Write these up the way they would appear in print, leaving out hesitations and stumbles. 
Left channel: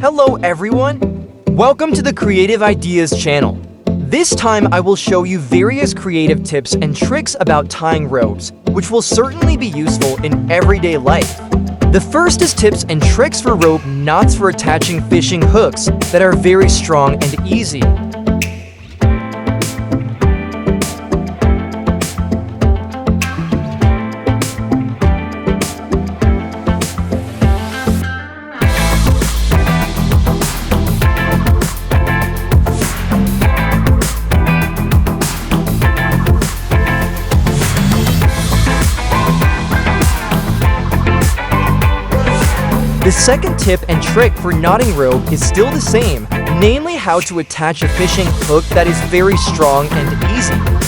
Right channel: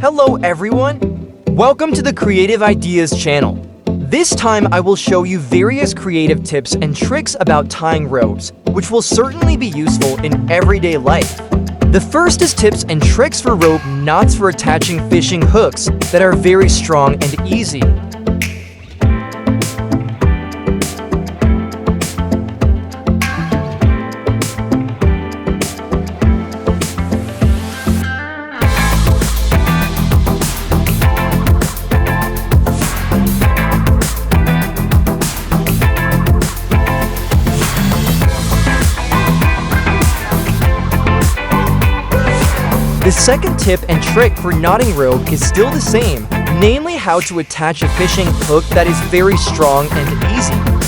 Hello everyone! Welcome to the Creative Ideas channel. This time I will show you various creative tips and tricks about tying ropes, which will certainly be useful in everyday life. The first is tips and tricks for rope knots for attaching fishing hooks that are very strong and easy. The second tip and trick for knotting rope is still the same, namely how to attach a fishing hook that is very strong and easy.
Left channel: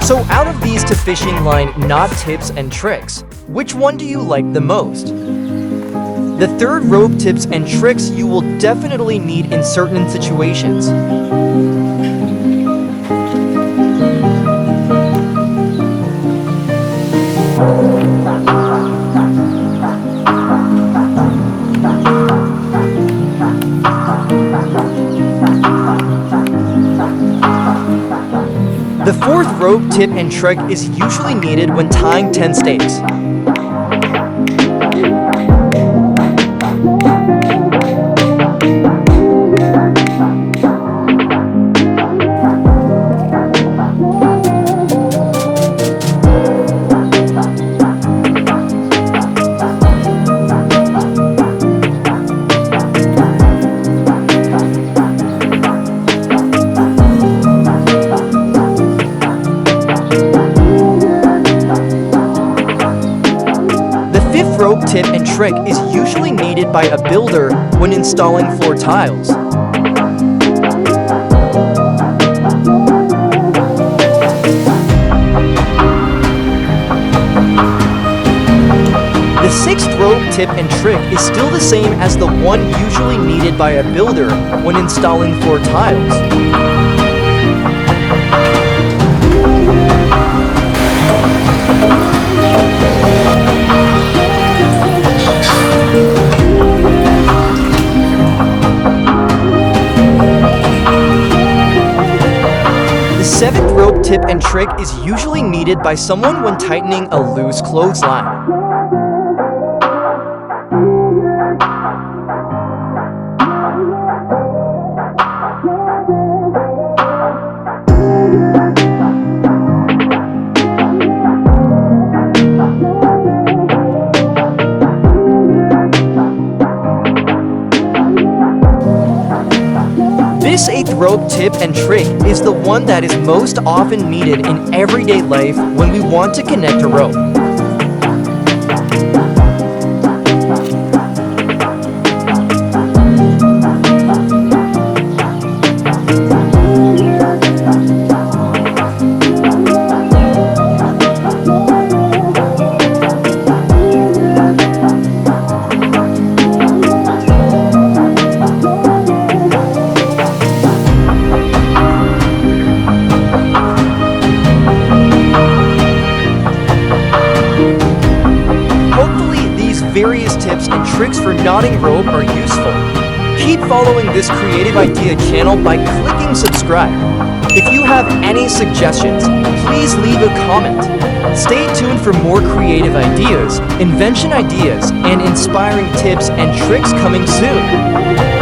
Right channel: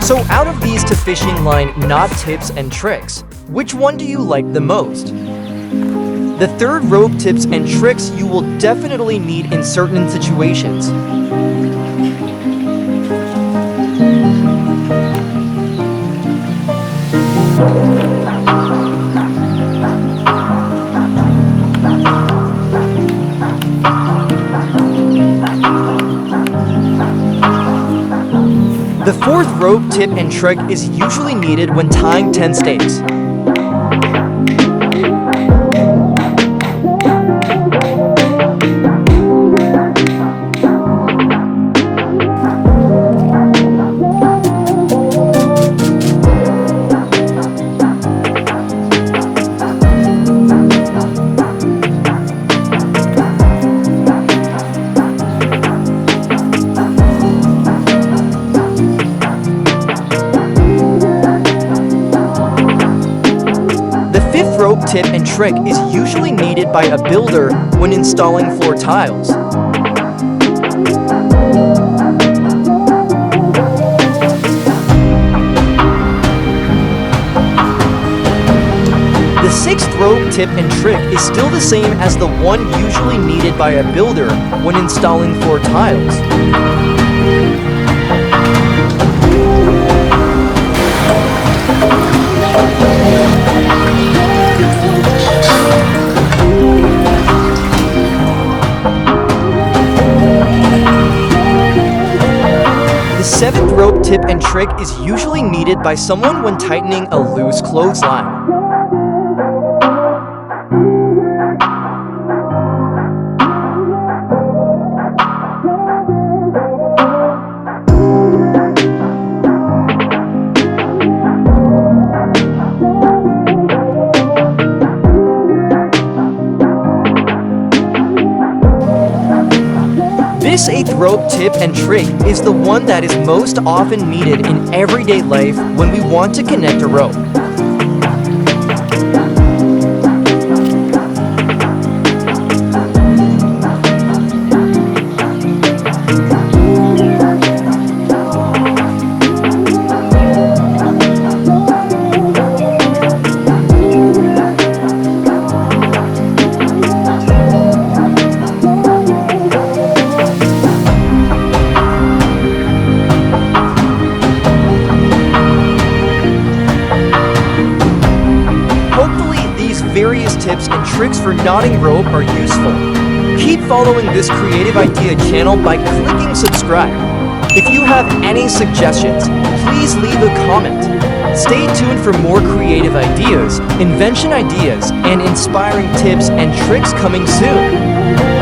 So out of these to fishing line knot tips and tricks, which one do you like the most? The third rope tips and tricks you will definitely need in certain situations. The fourth rope tip and trick is usually needed when tying 10 stakes. The fifth rope tip and trick is usually needed by a builder when installing floor tiles. The sixth rope tip and trick is still the same as the one usually needed by a builder when installing floor tiles. The seventh rope tip and trick is usually needed by someone when tightening a loose clothesline. This eighth rope tip and trick is the one that is most often needed in everyday life when we want to connect a rope. Various tips and tricks for knotting rope are useful. Keep following this Creative Idea channel by clicking subscribe. If you have any suggestions, please leave a comment. Stay tuned for more creative ideas, invention ideas, and inspiring tips and tricks coming soon.